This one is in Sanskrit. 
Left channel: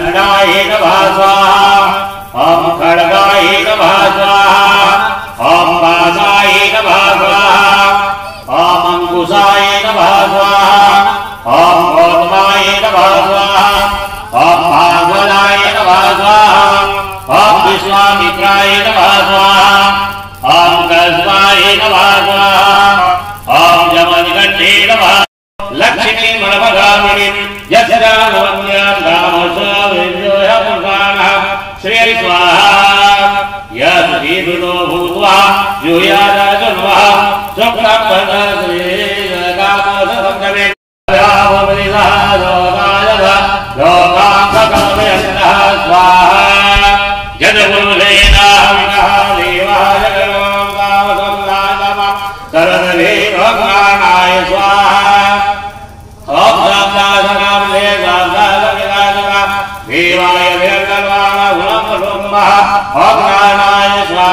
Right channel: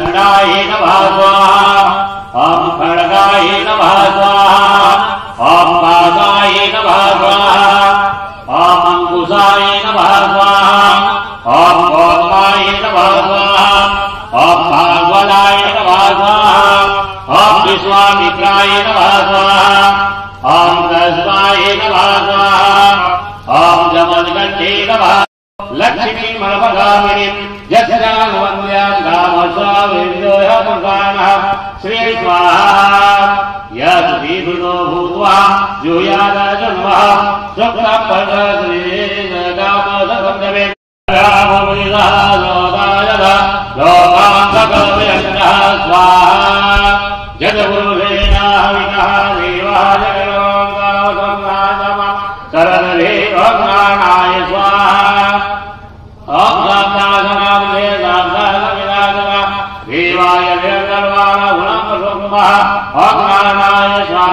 दण्डाय नमः स्वाहा ॐ खड्गाय नमः स्वाहा ॐ पाशाय नमः स्वाहा ॐ अंकुशाय नमः स्वाहा ॐ गौतमाय नमः स्वाहा ॐ भागवताय नमः स्वाहा ॐ विश्वामित्राय नमः स्वाहा ॐ कस्माय नमः स्वाहा ॐ जमदग्नि नमः लक्ष्मी मनोगामिनी यस्यानवन्यान्दामस्वामिन्योऽयमुखानः श्री स्वाहा यस्वीर्नो भूत्वा यूयाराजन्मः सुप्रपदश्रीगामसंगमे लोकाम्बकमयन्तः स्वाहा जगमुलेनाहविनः देवाय गणोङ्गावसंगाजमः सर्वदेवज्ञानाय स्वाहा ॐ साक्षात्काराय देवाय देवगर्वाण गुणमरुम्भः ॐ ज्ञानाय स्वाहा